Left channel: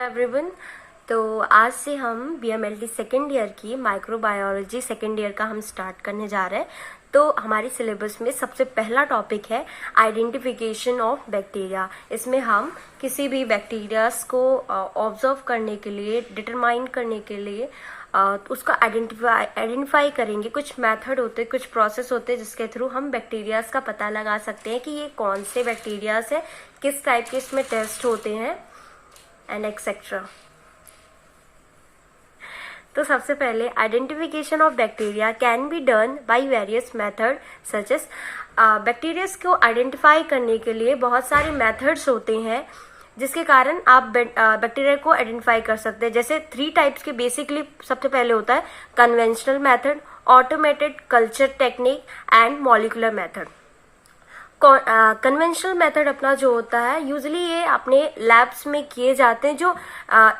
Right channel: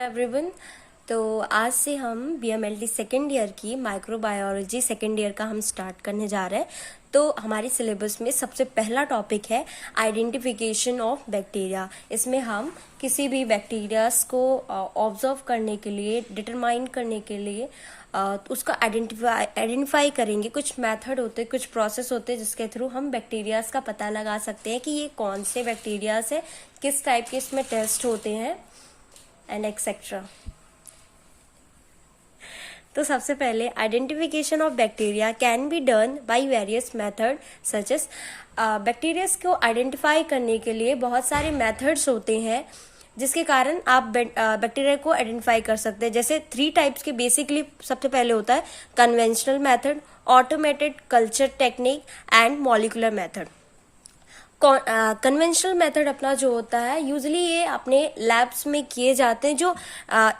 Everyone. तो आज से हम BMLT सेकेंड ईयर की माइक्रोबायोलॉजी सेकेंड ईयर का हम स्टार्ट करने जा रहे हैं। तो हमारे सिलेबस में सबसे पहला टॉपिक है आइडेंटिफिकेशन ऑफ बैक्टीरिया। इसमें हम किसी भी बैक्टीरियाज को ऑब्जर्व करने के लिए, डिटरमाइन करने के लिए उसको आइडेंटिफाई करेंगे। कुछ मेथड होते हैं, कुछ प्रोसेस होते हैं जिसके थ्रू हम बैक्टीरियाज का पता लगा सकते हैं कि ये कौन से बैक्टीरियाज है, किस टाइप के इसमें टेस्ट होते हैं एंड एक्सेट्रा। तो सबसे पहले identification of bacteria can be done by various method such as. Bacterias को आइडेंटिफाई करने के लिए बहुत सारे मेथड्स होते हैं जिसके कारण आप बैक्टीरिया को आइडेंटिफाई कर सकते हैं। जैसे 3 टाइप्स के बेसिकली सबसे पहले होता है conventional method, automated culture technique and molecular method. Conventional method अपना जो होता है यूजली ये अपने लैब्स में किए जाते हैं। जो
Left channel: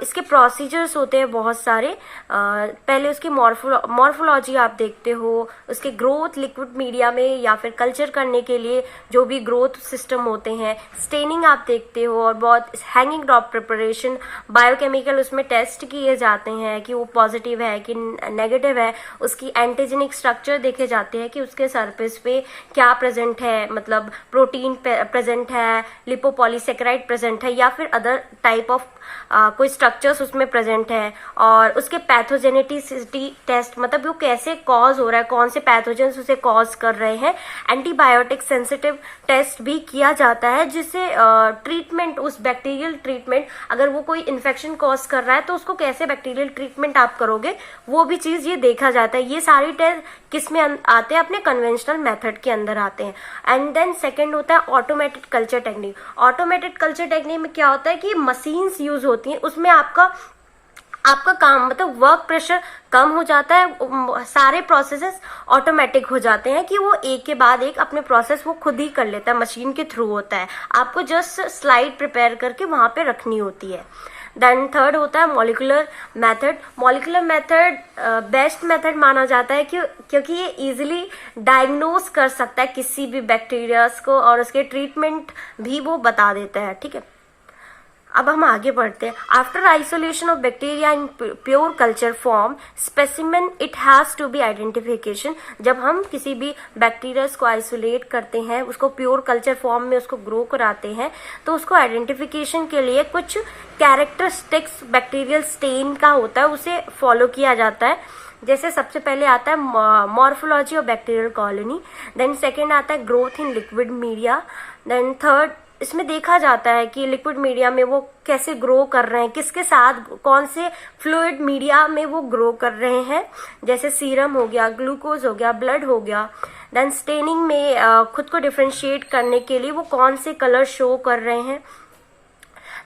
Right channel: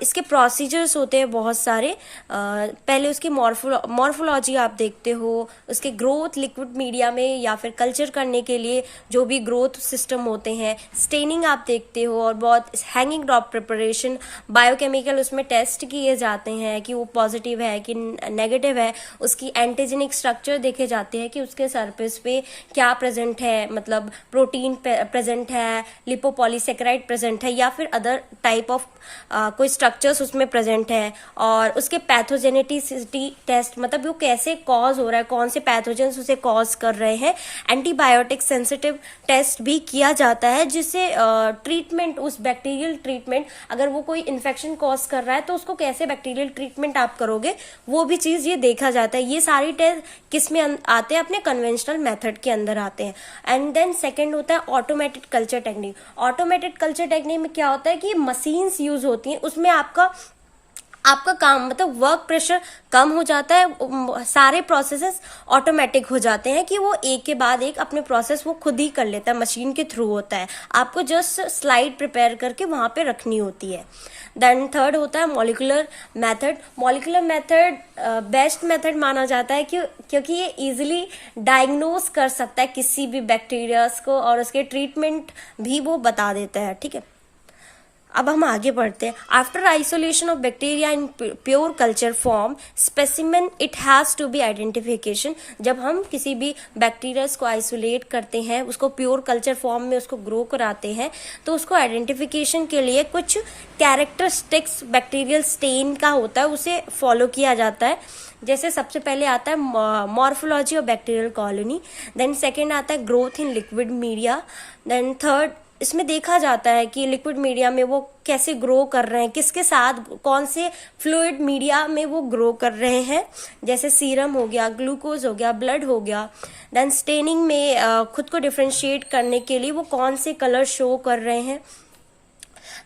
इसके प्रोसीजर्स होते हैं बहुत सारे। पहले उसकी मॉर्फोलॉजी आप देखते हो, उसके ग्रोथ लिक्विड मीडिया में या फिर कल्चर करने के लिए जो भी ग्रोथ सिस्टम होते हैं, स्टेनिंग आप देखते हो, और बहुत हैंगिंग ड्रॉप प्रिपरेशन, बायोकेमिकल उसमें टेस्ट किए जाते हैं कि वो पॉजिटिव है कि नेगेटिव है। उसकी एंटीजेनिक स्ट्रक्चर देखे जाते हैं कि उसके सरफेस पे क्या प्रेजेंट है, मतलब प्रोटीन प्रेजेंट है, लिपोपॉलीसेकेराइड प्रेजेंट है या फिर अदर टाइप ऑफ कोई स्ट्रक्चर्स उसमें प्रेजेंट है। और उसके पैथोजेनिटिसिटी टेस्ट, मतलब वो कैसे कॉज हो रहा है, कौन से पैथोजेंस उसे कॉज कर रहे हैं। एंटीबायोटिक सेंसिटिव टेस्ट भी किया जाता है जिससे ट्रीटमेंट, उस बैक्टीरियल ट्रीटमेंट, अगर वो कोई इन्फेक्शन कॉज कर रहा है तो उसको कैसे बैक्टीरियल ट्रीटमेंट आप करोगे, वो भी चीज ये देखा जाता है। ये सारी टेस्ट किस में आते हैं? अपने कन्वेंशनल मेथड के अंदर आते हैं। एंड देन सेकेंड होता है automated culture technique. Automated culture technique में क्या होता है कि मशीन्स यूज होती हैं, उसमें आपका काम, मतलब वर्क प्रेशर कम हो जाता है। सारे प्रोसेसेस ऑटोमेटिक हो जाते हैं कि वो एक के बाद एक अपने प्रोसेस वो खुद ही कर लेता है, मशीन के थ्रू होता है। आपको जस्ट स्लाइड प्रिपेयर करके वहां पे रखनी होती है। देन थर्ड होता है molecular method. Molecular method best method माना जाता है क्योंकि ये इजीली डायग्नोज कर सकता है किसी भी बैक्टीरियाज को और उसके ट्रीटमेंट भी वो बता देता है। ठीक है, अब हम आगे बढ़ते हैं। After isolation of bacteria in pure culture form specimen, it has to be identification. जब हम किसी भी बैक्टीरियाज को आइसोलेट करते हैं, उसको प्योर कल्चर फॉर्म में उसको ग्रो कराते हैं, तो उसको आइडेंटिफिकेशन के लिए कुछ कैरेक्टरिस्टिक्स बैक्टीरियल स्टेन का होता है, उसे फॉलो किया जाता है। जैसे सबसे पहले आता है morphology of bacterial colony, then second आता है growth in liquid media, then third इसमें देखा जाता है कि लिक्विड मीडिया में वो कैसे ग्रो कर रहे हैं, किसके साथ, कौन से फ्लूइड मीडिया में वो ग्रो कर रहे हैं। जैसे सीरम हो गया, ग्लूकोज हो गया, ब्लड हो गया। देन स्टेनिंग में खुद को डिफ्रेंशिएट करने के लिए वो कौन से कलर शो कर रहे हैं।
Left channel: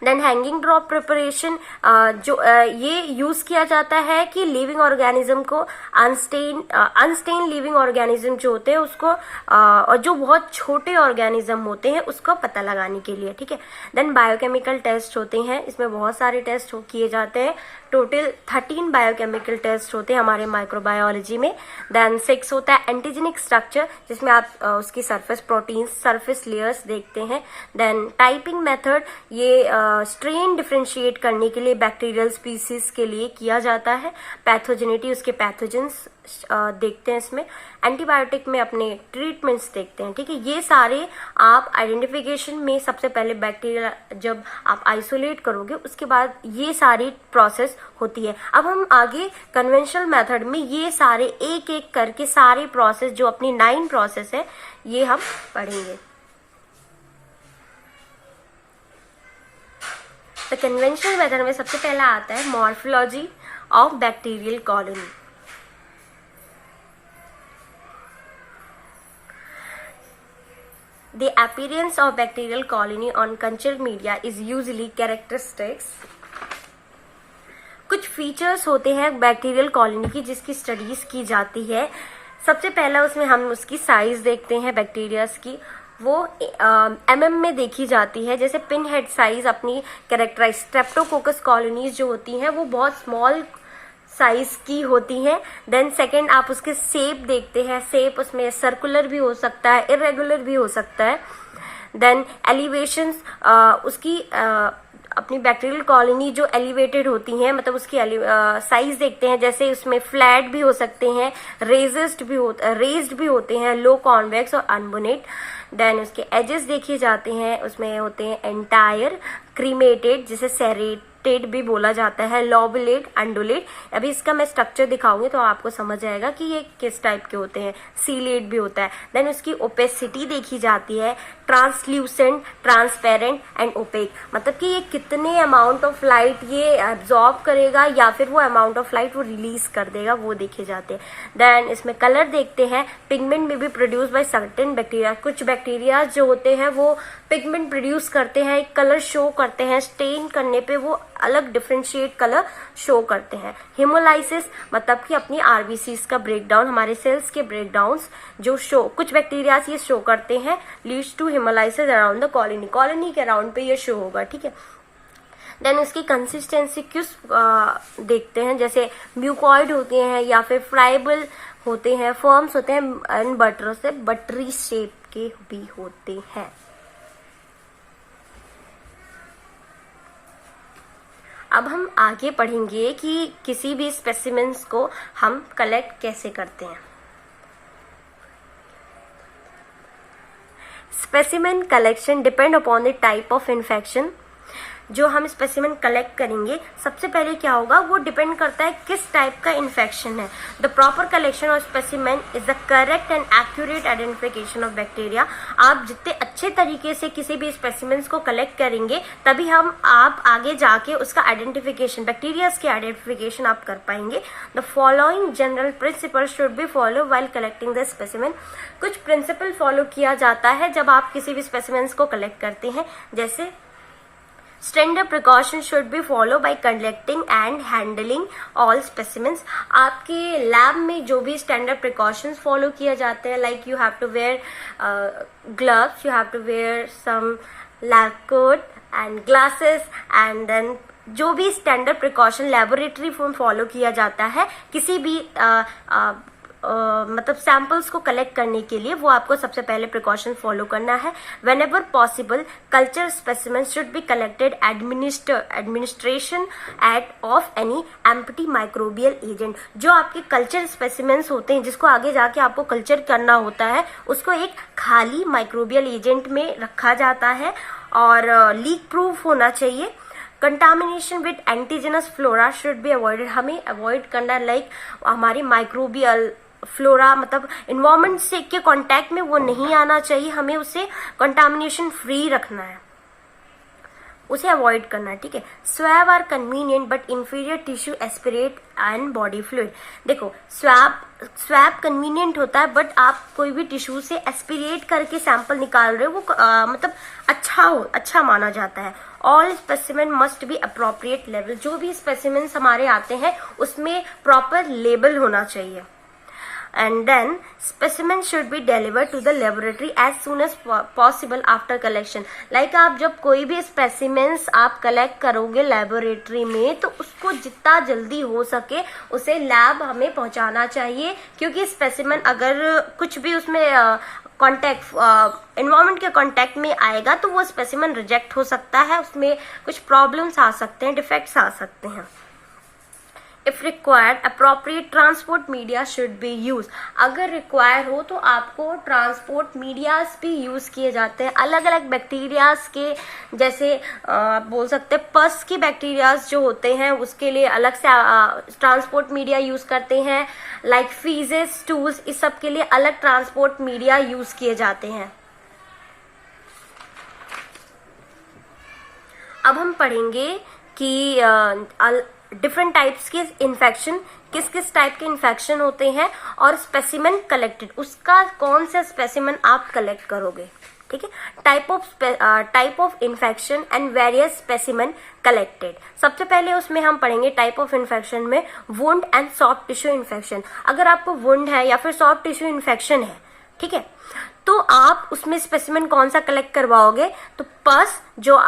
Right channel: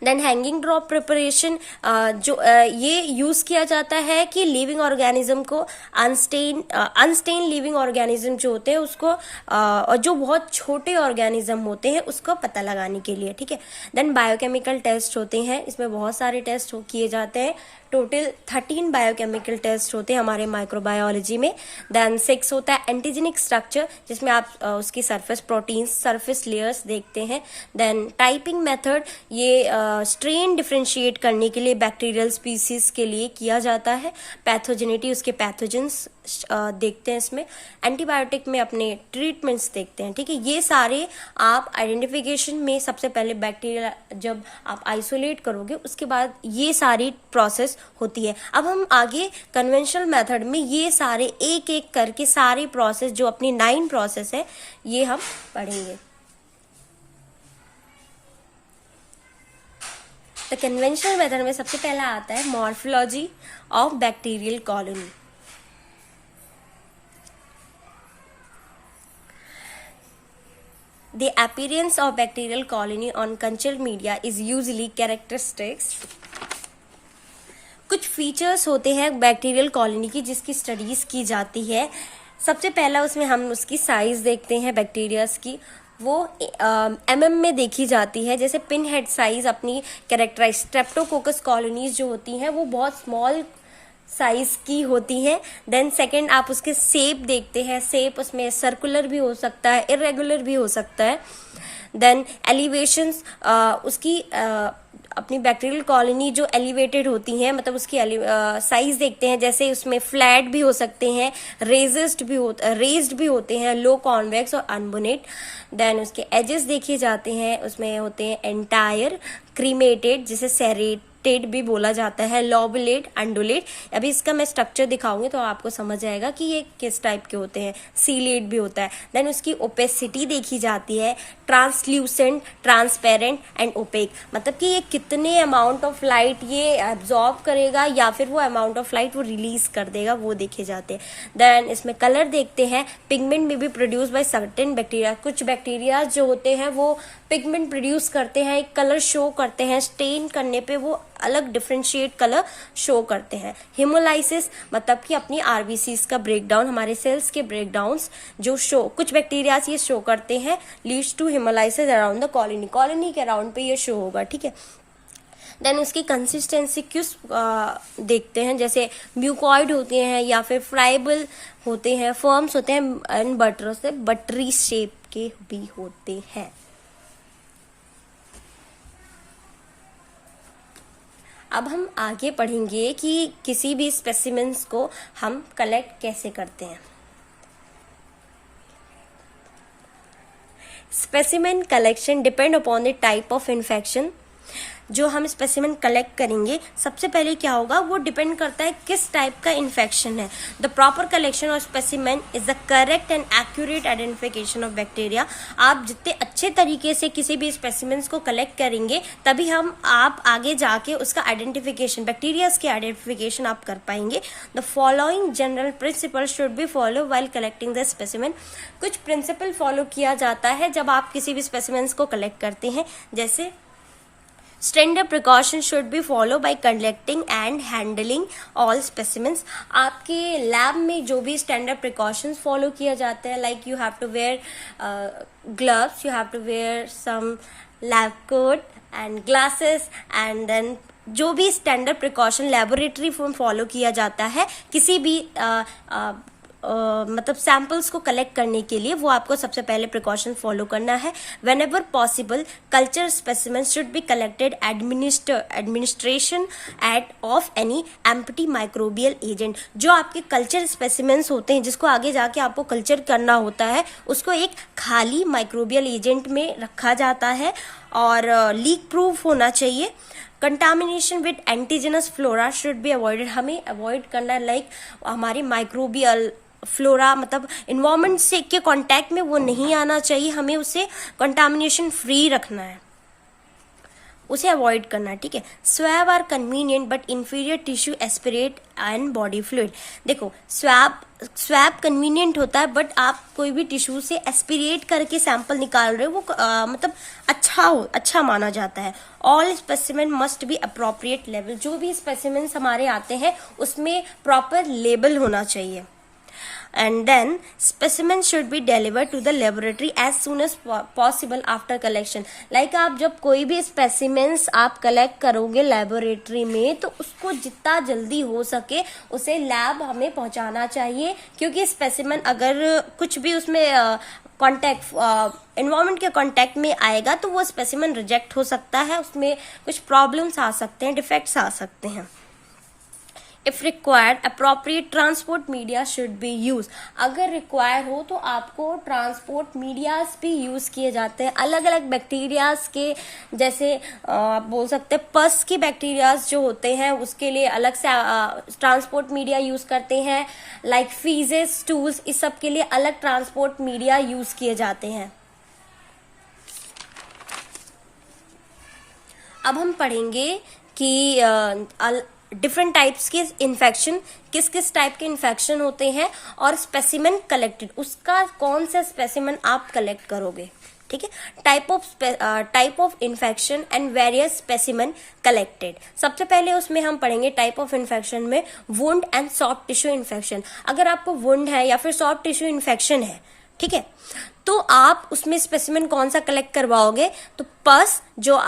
देन हैंगिंग ड्रॉप प्रिपरेशन, जो ये यूज किया जाता है कि लिविंग ऑर्गेनिज्म को अनस्टेन लिविंग ऑर्गेनिज्म जो होते हैं उसको, और जो बहुत छोटे ऑर्गेनिज्म होते हैं उसको पता लगाने के लिए। ठीक है, देन बायोकेमिकल टेस्ट होते हैं, इसमें बहुत सारे टेस्ट किए जाते हैं। टोटल 13 बायोकेमिकल टेस्ट होते हैं हमारे माइक्रोबायोलॉजी में। देन 6 होता है एंटीजेनिक स्ट्रक्चर, जिसमें आप उसकी सरफेस प्रोटीन, सरफेस लेयर्स देखते हैं। देन टाइपिंग मेथड, ये स्ट्रेन डिफ्रेंशिएट करने के लिए बैक्टीरियल स्पीसीज के लिए किया जाता है। पैथोजेनिटी, उसके पैथोजेंस देखते हैं इसमें। एंटीबायोटिक में अपने ट्रीटमेंट्स देखते हैं। ठीक है, ये सारे आप आइडेंटिफिकेशन में सबसे पहले बैक्टीरिया जब आप आइसोलेट करोगे उसके बाद ये सारी प्रोसेस होती है। अब हम आगे कन्वेंशनल मेथड में ये सारे एक एक करके सारे प्रोसेस, जो अपनी 9 प्रोसेस है, ये हम पढ़ेंगे। तो कन्वेंशनल मेथड में सबसे पहला आता है morphology of bacterial colony. The appearance of bacterial colony on culture media is usually characteristics. कुछ फीचर्स होते हैं बैक्टीरियल कॉलोनी की जिसकी स्टडीज की जाती है। सबसे पहला उसमें हम उसकी साइज देखते हैं बैक्टीरियाज की, वो mm में देखी जाती है। जैसे पिन हेड साइज अपनी कैरेक्टराइज, स्ट्रेप्टोकोकस कॉलोनीज जो होती हैं वो बहुत स्मॉल साइज की होती हैं। देन सेकंड आप उसके शेप देखते हैं, शेप उसमें सर्कुलर भी हो सकता है, इरेगुलर भी हो सकता है। देन एलिवेशंस, उसकी अपनी बैक्टीरियल कॉलोनी जो एलिवेटेड होती हैं, मतलब उसकी साइज देखते हैं, जैसे उसमें फ्लैट भी हो सकते हैं, रेज्ड भी होते हैं, लो कॉन्वेक्स और अनबोनेट। देन उसके एजेस देखे जाते हैं, उसमें होते हैं एंटायर, क्रीमेटेड जिसे सेरेटेड भी बोला जाता है, लॉबुलेट, अंडुलेट। अभी इसका मैं स्ट्रक्चर दिखाऊंगी तो आपको समझ आएगा कि ये किस टाइप के होते हैं। सीलेट भी होता है। देन उसकी ओपेसिटी देखी जाती है, ट्रांसल्यूसेंट, ट्रांसपेरेंट एंड ओपेक, मतलब कि ये कितने अमाउंट ऑफ लाइट ये एब्जॉर्ब करेगा या फिर वो अमाउंट ऑफ लाइट वो रिलीज कर देगा, वो देखे जाते हैं। देन इसमें कलर देखते हैं, पिगमेंट में भी प्रोड्यूस बाय सर्टेन बैक्टीरिया, कुछ बैक्टीरिया जो होते हैं वो पिगमेंट प्रोड्यूस करते हैं, एक कलर शो करते हैं, स्टेन करने पे वो अलग डिफरेंशिएट कलर शो करते हैं। हिमोलाइसिस मतलब कि अपनी आरबीसीज का ब्रेकडाउन, हमारे सेल्स के ब्रेकडाउन्स जो शो, कुछ बैक्टीरिया ये शो करते हैं, leads to hemolysis around the colony, colony के अराउंड पे ये शो होगा, ठीक है। देन उसकी कंसिस्टेंसी किस देखते हैं, जैसे म्यूकॉइड होते हैं या फिर फ्राइबल होते हैं, फर्म्स होते हैं एंड बटर से बटरी शेप के भी होते हैं। अब हम आगे पढ़ेंगे कि किसी भी स्पेसिमेंस को हम कलेक्ट कैसे करते हैं। Specimen collection depend upon the type of infection. जो हम स्पेसिमेन कलेक्ट करेंगे, सबसे पहले क्या होगा, वो डिपेंड करता है किस टाइप का इन्फेक्शन है। The proper collection of specimen is the correct and accurate identification of bacteria. आप जितने अच्छे तरीके से किसी भी स्पेसिमेंस को कलेक्ट करेंगे, तभी आप आगे जाके उसका आइडेंटिफिकेशन, बैक्टीरिया के आइडेंटिफिकेशन आप कर पाएंगे। The following general principle should be follow while collecting the specimen. कुछ प्रिंसिपल फॉलो किया जाता है जब आप किसी भी स्पेसिमेंस को कलेक्ट करते हैं, जैसे standard precaution should be follow by collecting and handling all specimens. आपके लैब में जो भी स्टैंडर्ड प्रिकॉशंस फॉलो किए जाते हैं, like you have to wear gloves, you have to wear some lab coat and glasses, and then जो भी standard precaution laboratory में फॉलो किया जाता है किसी भी मतलब सैंपल्स को कलेक्ट करने के लिए, वो आपको सबसे पहले प्रिकॉशन फॉलो करना है। Whenever possible culture specimen should be collected administration at of any empty microbial agent. जो आपके कल्चर स्पेसिमेंस होते हैं, जिसको आगे जाके आपको कल्चर करना होता है, उसको एक खाली माइक्रोबियल एजेंट में रखा जाता है और लीक प्रूफ होना चाहिए। Contamination with indigenous flora should be avoided. हमें अवॉइड करना, लाइक हमारी माइक्रोबियल फ्लोरा मतलब इन्वायरमेंट से के कांटेक्ट में वो नहीं आना चाहिए, हमें उसे कंटामिनेशन फ्री रखना है, उसे अवॉइड करना है, ठीक है। Swab are convenient but inferior tissue aspirate and body fluid. देखो स्वैब कन्वीनियंट होता है, बट आप कोई भी टिश्यू से एस्पिरेट करके सैंपल निकाल रहे हो, वो मतलब अच्छा माना जाता है। All specimen must be appropriate level. जो भी स्पेसिमेन हमारे आते हैं उसमें प्रॉपर लेबल होना चाहिए। And then specimen should be delivered to the laboratory as soon as possible after collection. Like आप जब कोई भी specimens आप collect करोगे लेबोरेटरी में, तो उसको जितना जल्दी हो सके उसे लैब हमें पहुंचाना चाहिए, क्योंकि specimen अगर कुछ भी उसमें एनवायरमेंट के कांटेक्ट में आएगा तो वो स्पेसिमेन रिजेक्ट हो सकता है, उसमें कुछ प्रॉब्लम्स आ सकते हैं, डिफेक्ट्स आ सकते हैं। If required, appropriate transport media should be used. अगर रिक्वायर हो तो आपको ट्रांसपोर्ट मीडियाज भी यूज किए जाते हैं। अलग अलग बैक्टीरियाज के, जैसे बोल सकते हैं पस के बैक्टीरियाज जो होते हैं उसके लिए अलग से ट्रांसपोर्ट मीडिया यूज करते हैं, लाइक फीजेस, स्टूल्स, इस सब के लिए अलग ट्रांसपोर्ट मीडिया यूज किए जाते हैं। अब हम पढ़ेंगे कि डिफरेंट टाइप्स के इन्फेक्शन, किस किस टाइप के इन्फेक्शन होते हैं और स्पेसिमेन कलेक्टेड, उसका कौन सा स्पेसिमेन आप कलेक्ट करोगे, ठीक है। Type of infection and various specimen collected. सबसे पहले उसमें हम पढ़ेंगे टाइप ऑफ इन्फेक्शन में wound and soft tissue infection. अगर आपको वुंड है या फिर सॉफ्ट टिश्यू इन्फेक्शन है, ठीक है, तो आप उसमें स्पेसिमेन कौन सा कलेक्ट करवाओगे, तो पस जो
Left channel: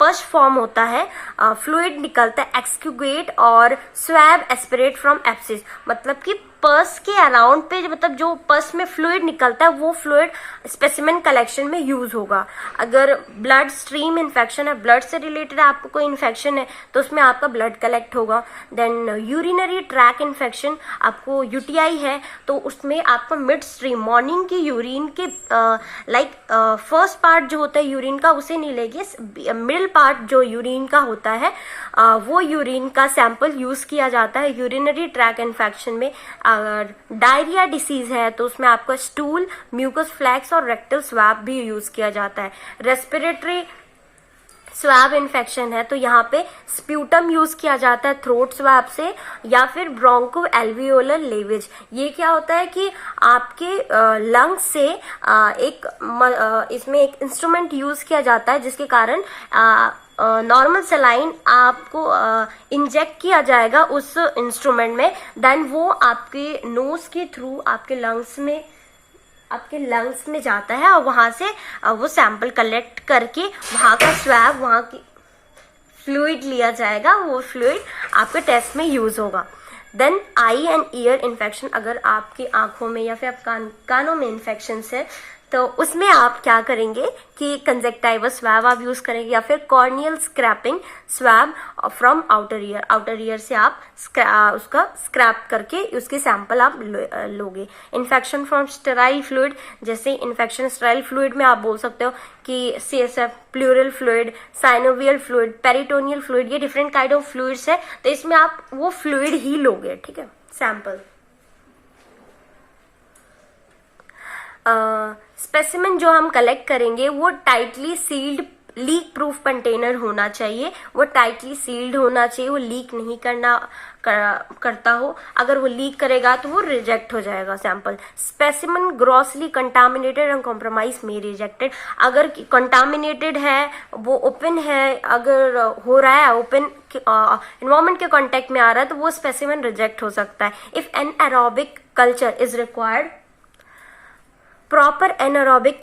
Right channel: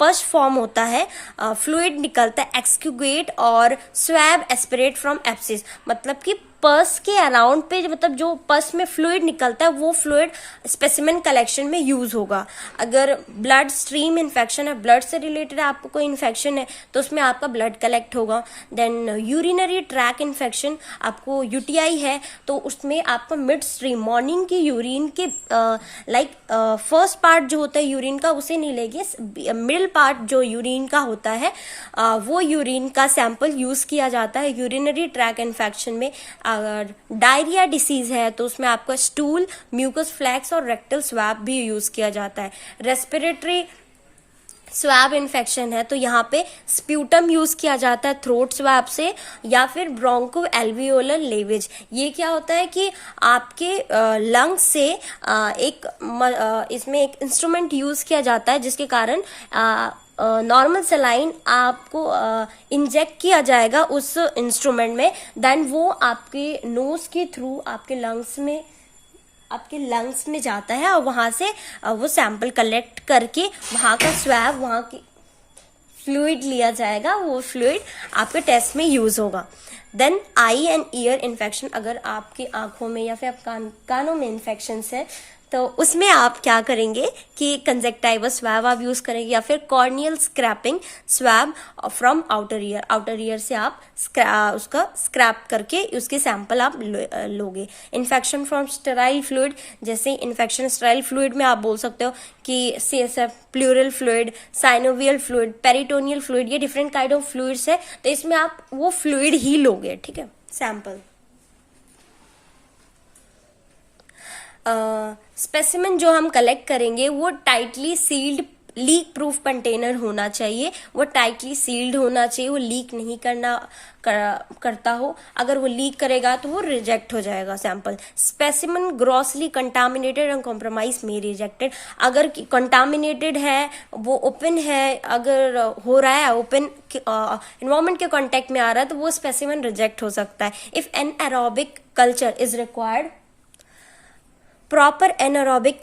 पस फॉर्म होता है, फ्लूइड निकलता है, एक्सक्यूगेट और स्वैब एस्पिरेट फ्रॉम एप्सिस, मतलब कि पर्स के अराउंड पे मतलब जो पर्स में फ्लूइड निकलता है वो फ्लूइड स्पेसिमेन कलेक्शन में यूज होगा। अगर ब्लड स्ट्रीम इन्फेक्शन है, ब्लड से रिलेटेड आपको कोई इन्फेक्शन है तो उसमें आपका ब्लड कलेक्ट होगा। देन यूरिनरी ट्रैक इन्फेक्शन, आपको यूटीआई है तो उसमें आपका मिड स्ट्रीम मॉर्निंग की यूरिन के फर्स्ट पार्ट जो होता है यूरिन का उसे नहीं लेंगे, मिडिल पार्ट जो यूरिन का होता है वो यूरिन का सैंपल यूज किया जाता है यूरिनरी ट्रैक इन्फेक्शन में। अगर डायरिया डिसीज है तो उसमें आपका स्टूल, म्यूकस फ्लैक्स और रेक्टल स्वैब भी यूज किया जाता है। रेस्पिरेटरी स्वैब इन्फेक्शन है तो यहाँ पे स्प्यूटम यूज किया जाता है थ्रोट स्वैब से, या फिर ब्रोंको एल्वियोलर लेवेज। ये क्या होता है कि आपके लंग्स से इसमें एक इंस्ट्रूमेंट यूज किया जाता है जिसके कारण नॉर्मल सलाइन आपको इंजेक्ट किया जाएगा उस इंस्ट्रूमेंट में, देन वो आपके नोज के थ्रू आपके लंग्स में जाता है और वहां से वो सैंपल कलेक्ट करके वहां का स्वैब, वहां की फ्लूइड लिया जाएगा, वो फ्लूइड आपके टेस्ट में यूज होगा। Then eye and ear infection, अगर आपकी आंखों में या फिर आप कानों में इन्फेक्शन है तो उसमें आप क्या करेंगे कि कंजक्टिवा स्वैब आप यूज करेंगे या फिर corneal scraping swab from outer ear से आप उसका स्क्रैप करके उसके सैंपल आप लोगे। इन्फेक्शन फ्रॉम स्टेराइल फ्लूइड, जैसे इन्फेक्शन स्टेराइल फ्लूइड में आप बोल सकते हो कि CSF, pleural fluid, synovial fluid, peritoneal fluid, ये डिफरेंट काइंड ऑफ फ्लूइड्स है तो इसमें आप वो फ्लूइड ही लोगे, ठीक है, सैंपल। स्पेसिमेन जो हम कलेक्ट करेंगे वो tightly sealed leak proof container होना चाहिए, वो टाइटली सील्ड होना चाहिए, वो लीक नहीं करता हो। अगर वो लीक करेगा तो वो रिजेक्ट हो जाएगा sample. Specimen grossly contaminated and compromise में रिजेक्टेड, अगर कंटामिनेटेड है, वो ओपन है, अगर हो रहा है ओपन एनवायरमेंट के कांटेक्ट में आ रहा है तो वो स्पेसिमेन रिजेक्ट हो सकता है। If anaerobic culture is required, proper anaerobic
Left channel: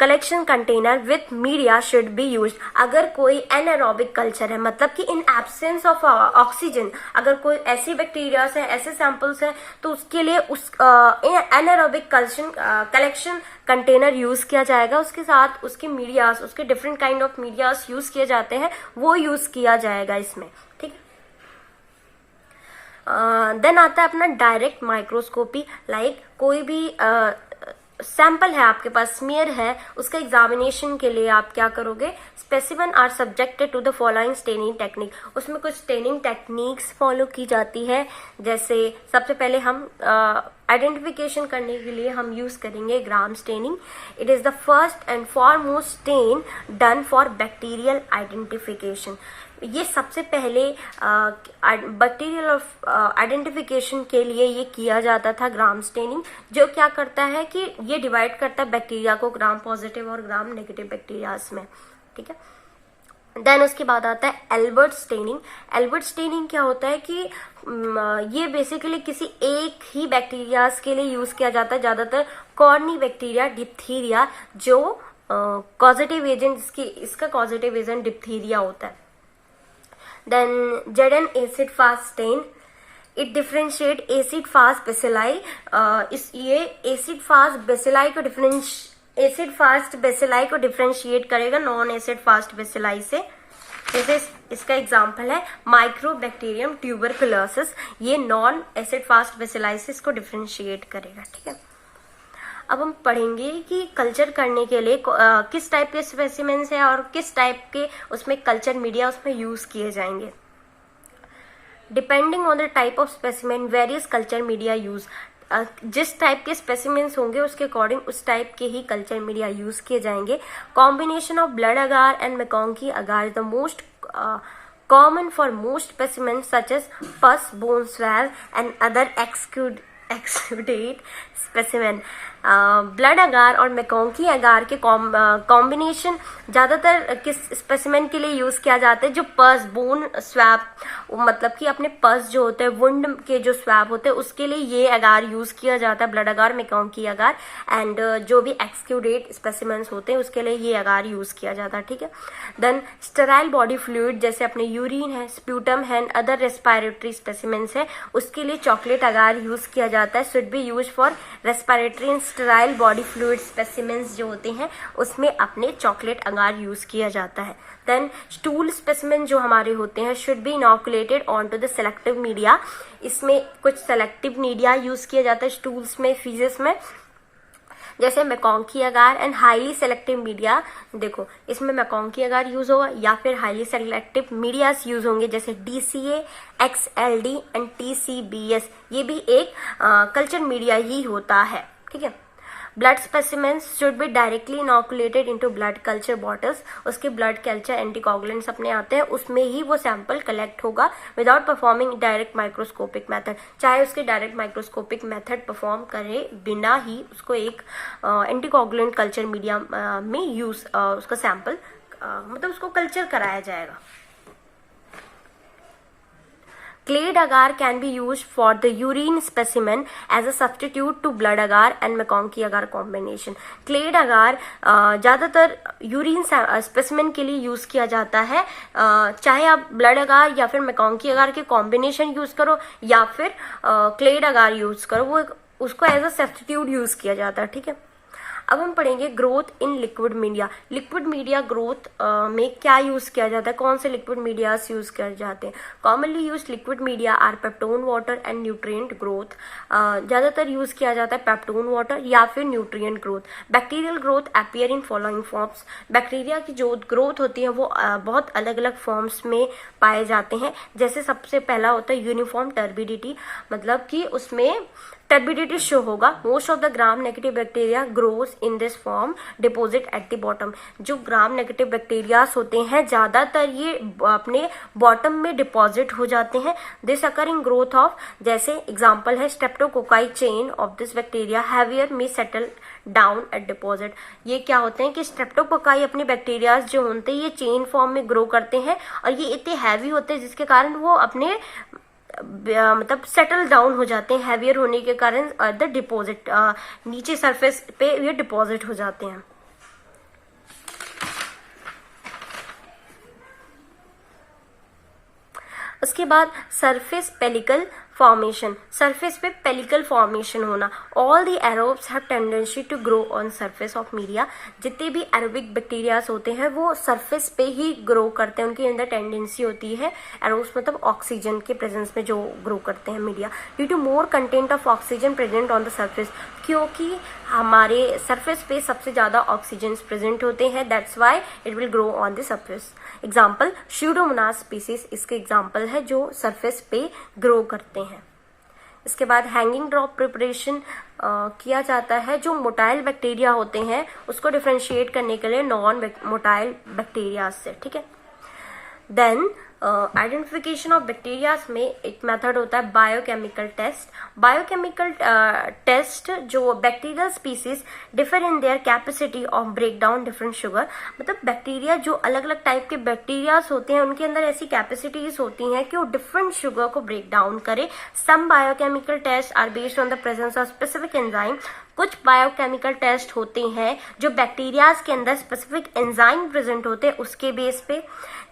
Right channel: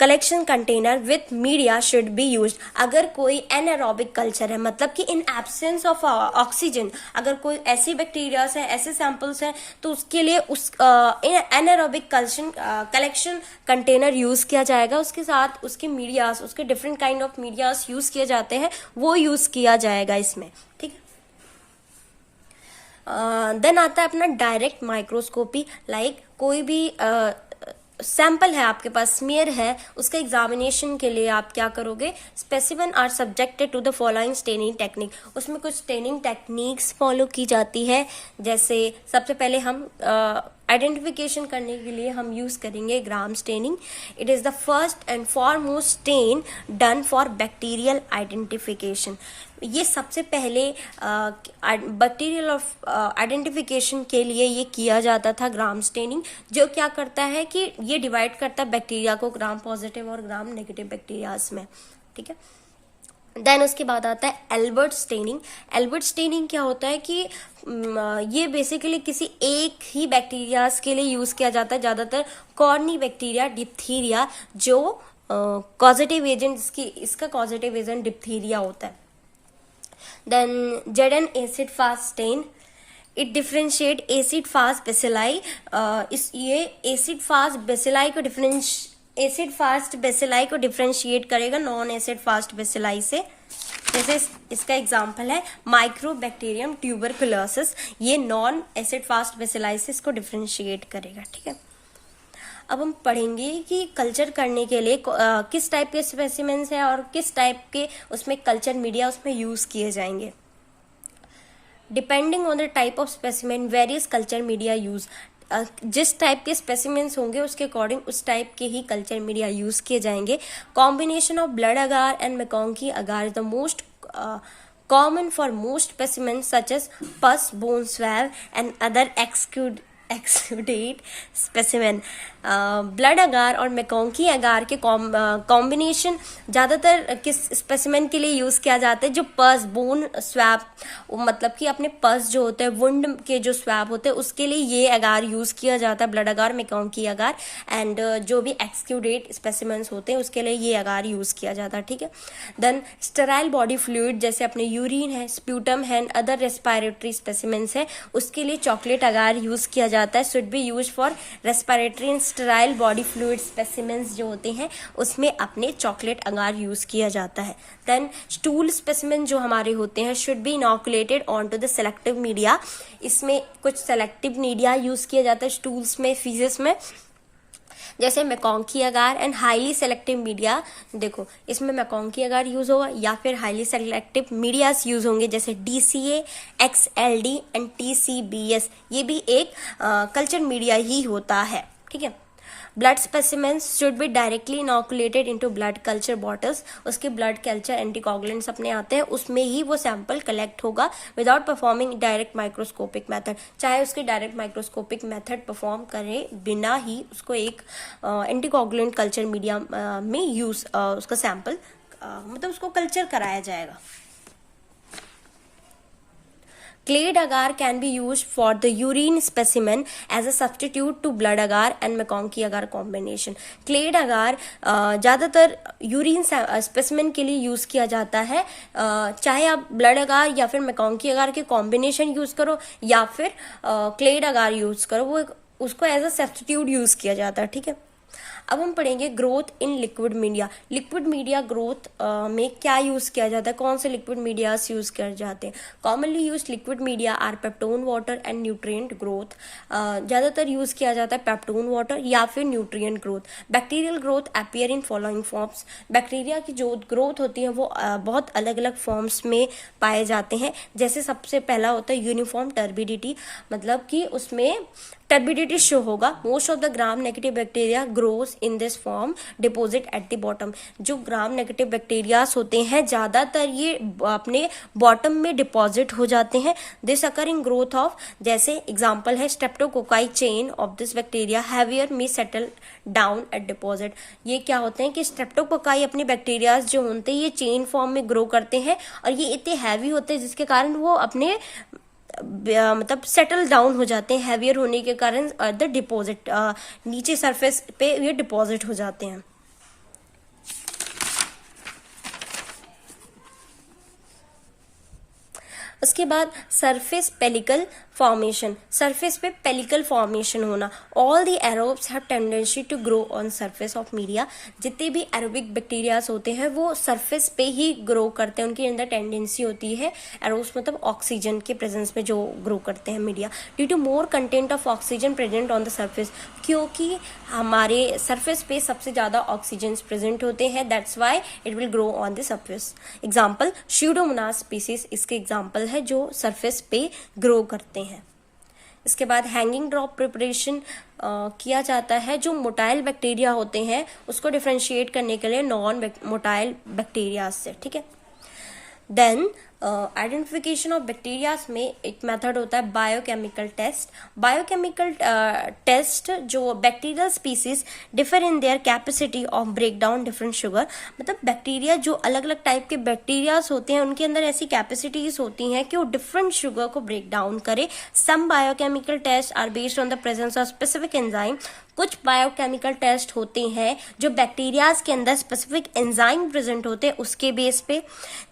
collection container with media should be used. अगर कोई एनारोबिक कल्चर है मतलब कि इन एब्सेंस ऑफ ऑक्सीजन, अगर कोई ऐसी बैक्टीरियाज है, ऐसे सैंपल्स हैं तो उसके लिए उस एनारोबिक कलेक्शन कंटेनर यूज किया जाएगा। उसके साथ उसके मीडियाज, उसके different kind of medias use किए जाते हैं, वो यूज किया जाएगा इसमें, ठीक है। देन आता है अपना डायरेक्ट माइक्रोस्कोपी, लाइक कोई भी सैंपल है आपके पास, स्मीयर है, उसका एग्जामिनेशन के लिए आप क्या करोगे, specimen are subjected to the following staining technique. उसमें कुछ स्टेनिंग टेक्निक्स फॉलो की जाती है, जैसे सबसे पहले हम आइडेंटिफिकेशन करने के लिए हम यूज करेंगे Gram staining. It is the first and foremost stain done for bacterial identification. ये सबसे पहले बैक्टीरियल आइडेंटिफिकेशन के लिए ये किया जाता था ग्राम स्टेनिंग, जो क्या करता है कि ये डिवाइड करता है बैक्टीरिया को ग्राम पॉजिटिव और ग्राम नेगेटिव बैक्टीरियाज में, ठीक है। देन उसके बाद आता है एल्बर्ट स्टेनिंग। एल्बर्ट स्टेनिंग क्या होता है कि ये बेसिकली किसी एक ही बैक्टीरियाज के लिए यूज किया जाता है, ज्यादातर कॉर्नी बैक्टीरिया, डिप्थीरिया, जो कॉजेटिव एजेंट, इसका कॉजेटिव एजेंट डिप्थीरिया होता है। Then Jaden acid fast stain, it differentiate acid fast bacilli। ये acid fast bacilli को डिफ्रेंशिएट करेगा नॉन एसिड फास्ट bacilli से। जैसे इसका एग्जांपल है माइक्रोबैक्टीरियम ट्यूबरकुलोसिस, ये नॉन एसिड फास्ट bacilli से इसको डिफ्रेंशिएट करेगा, ठीक है। अब हम पढ़ेंगे कि कल्चर करने के लिए किस टाइप के स्पेसिमेंस है और किस टाइप के उसमें कल्चर मीडिया उसमें यूज किए जाएंगे। Depending on the type of specimen various culture media use, जिस टाइप के स्पेसिमेंस होंगे उसके अकॉर्डिंग उस टाइप के ही कल्चर मीडिया यूज किए जाएंगे। Combination of blood agar and MacConkey agar is the most common for most specimens such as pus, bone swab and other exudate specimen. Blood agar और MacConkey अगार के combination ज़्यादातर किस specimen के लिए use किया जाता है, जो पस, बोन स्वैब, मतलब कि अपने पस जो होते हैं, वुंड के जो स्वैब होते हैं उसके लिए ये अगार यूज़ किया जाता है, ब्लड अगार, मैकोंकी अगार। एंड जो भी एक्सक्यूडेट स्पेसिमेंस होते हैं उसके लिए ये अगार यूज़ किया जाता है, ठीक है। देन स्टेराइल बॉडी फ्लूइड, जैसे अपने यूरिन है, स्प्यूटम है, अदर रेस्पिरेटरी स्पेसिमेंस है, उसके लिए चॉकलेट अगार यूज़ किया जाता जाता है, should be use for respiratory and sterile body fluid specimens जो होते हैं उसमें अपने चॉकलेट अगार यूज किया जाता है। देन स्टूल स्पेसिमेन जो हमारे होते हैं should be inoculated on to the selective media, इसमें कुछ सेलेक्टिव मीडिया यूज किया जाता है स्टूल्स में, फीजेस में, जैसे मैकॉन्की अगार एंड हाईली सेलेक्टिव मीडिया। देखो इसमें मैकॉन्की अगार यूज होगा या फिर हाईली सेलेक्टिव मीडियास यूज होंगे, जैसे DCA, XLD एंड TCBS, ये भी एक कल्चर मीडिया ही होता है, ठीक है। Blood specimens should be directly inoculated into blood culture bottles, उसके ब्लड कल्चर एंटीकोगुलेंट्स अपने आते हैं, उसमें ही वो सैंपल कलेक्ट होगा without performing direct microscopic method, चाहे उसके डायरेक्ट माइक्रोस्कोपिक मेथड परफॉर्म करे बिना ही उसको एक एंटीकोगुलेंट कल्चर मीडिया में यूज उसका सैंपल मतलब उसको कल्चर कराया जाएगा। Clade agar can be used for the urine specimen as a substitute to blood agar and McConkey agar combination. Clade agar ज़्यादातर यूरिन स्पेसिमेन के लिए यूज़ किया जाता है, चाहे आप ब्लड अगार या फिर मैकॉन्की अगार के कॉम्बिनेशन यूज़ करो या फिर क्लेड अगार यूज़ करो, वो उसको एज अ सब्स्टिट्यूट यूज़ किया जाता है, ठीक है। अब हम पढ़ेंगे growth in liquid media. Liquid media growth में क्या यूज किया जाता है, कौन से लिक्विड मीडियास यूज किए जाते हैं। Commonly use liquid media are peptone water and nutrient growth, ज्यादातर यूज किया जाता है पेप्टोन वाटर या फिर nutrient growth. Bacterial growth appear in following forms, bacteria की जो ग्रोथ होती है वो बहुत अलग अलग फॉर्म्स में पाए जाते हैं, जैसे सबसे पहला होता है यूनिफॉर्म टर्बिडिटी, मतलब कि उसमें टर्बिडिटी शो होगा। Most of the gram negative bacteria grows in this form deposit at the bottom, जो ग्राम नेगेटिव बैक्टीरियाज होते हैं ज्यादातर ये अपने बॉटम में डिपॉजिट हो जाते हैं। दिस अकरिंग ग्रोथ ऑफ, जैसे एग्जांपल है streptococci chain of this bacteria heavier में सेटल डाउन एट डिपॉजिट। ये क्या होते हैं कि स्ट्रेप्टोकोकाई अपने बैक्टीरियाज जो होते हैं ये चेन फॉर्म में ग्रो करते हैं और ये इतने हैवी होते हैं जिसके कारण वो अपने मतलब सेटल डाउन हो जाते हैं, हैवियर होने के कारण द डिपॉजिट नीचे सरफेस पे ये डिपॉजिट हो जाते हैं। उसके बाद सरफेस पेलिकल फॉर्मेशन, सरफेस पे पेलिकल फॉर्मेशन होना। All the aerobes have tendency to grow on surface of media, जितने भी एरोबिक बैक्टीरियाज होते हैं वो सरफेस पे ही ग्रो करते हैं, उनके अंदर टेंडेंसी होती है। एरोब्स मतलब ऑक्सीजन के प्रेजेंस में जो ग्रो करते हैं media, due to more content of oxygen present on the surface, क्योंकि हमारे सरफेस पे सबसे ज्यादा ऑक्सीजन प्रेजेंट होते हैं, that's why it will grow on the surface. Example Pseudomonas species इसके एग्जाम्पल है जो सरफेस पे ग्रो करते हैं। इसके बाद हैंगिंग ड्रॉप प्रिपरेशन किया जाता है, जो मोटाइल बैक्टीरिया होते हैं उसको डिफरेंशिएट करने के लिए नॉन मोटाइल बैक्टीरिया से, ठीक है। देन आइडेंटिफिकेशन ऑफ बैक्टीरियाज में एक मेथड होता है बायोकेमिकल टेस्ट। बायोकेमिकल टेस्ट जो bacterial species differ in their capacity of break down different sugar, मतलब बैक्टीरिया जो अलग अलग टाइप के बैक्टीरियाज होते हैं उनके अंदर ऐसी कैपेसिटीज होती हैं कि वो डिफरेंट शुगर को ब्रेक डाउन करे। Some biochemical test are based on the presence of specific enzyme, कुछ बायोकेमिकल टेस्ट होते हैं जो बैक्टीरियाज के अंदर स्पेसिफिक एंजाइम प्रेजेंट होते हैं उसके बेस पे,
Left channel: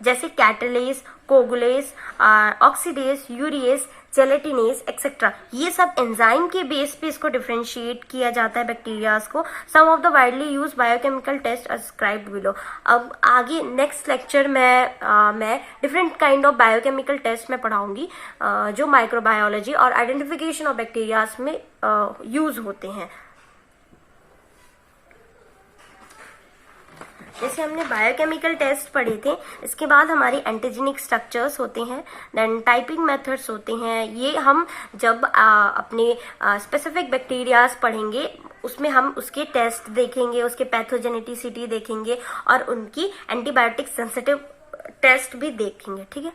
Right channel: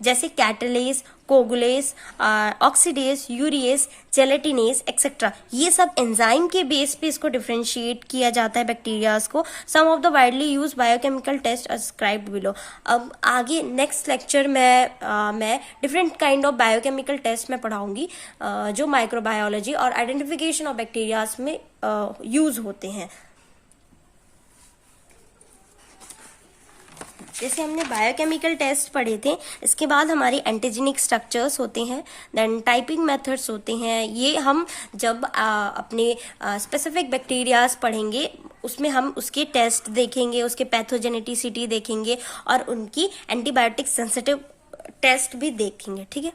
जैसे कैटालेज, कोगुलेज, ऑक्सीडेज, यूरिएज, जेलेटिनेज एक्सेट्रा, ये सब एंजाइम के बेस पे इसको डिफरेंशिएट किया जाता है बैक्टीरियाज को। Some of the widely used biochemical test ascribed below. अब आगे नेक्स्ट लेक्चर में मैं different kind of biochemical test में पढ़ाऊंगी जो माइक्रोबायोलॉजी और आइडेंटिफिकेशन ऑफ बैक्टीरियाज में यूज होते हैं। जैसे हमने बायोकेमिकल टेस्ट पढ़े थे, इसके बाद हमारे एंटीजेनिक स्ट्रक्चर्स होते हैं, देन टाइपिंग मेथड्स होते हैं। ये हम जब अपने स्पेसिफिक बैक्टीरियाज पढ़ेंगे उसमें हम उसके टेस्ट देखेंगे, उसके पैथोजेनेटिसिटी देखेंगे और उनकी एंटीबायोटिक सेंसिटिव टेस्ट भी देखेंगे, ठीक है।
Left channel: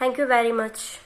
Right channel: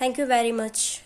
Thank you very much.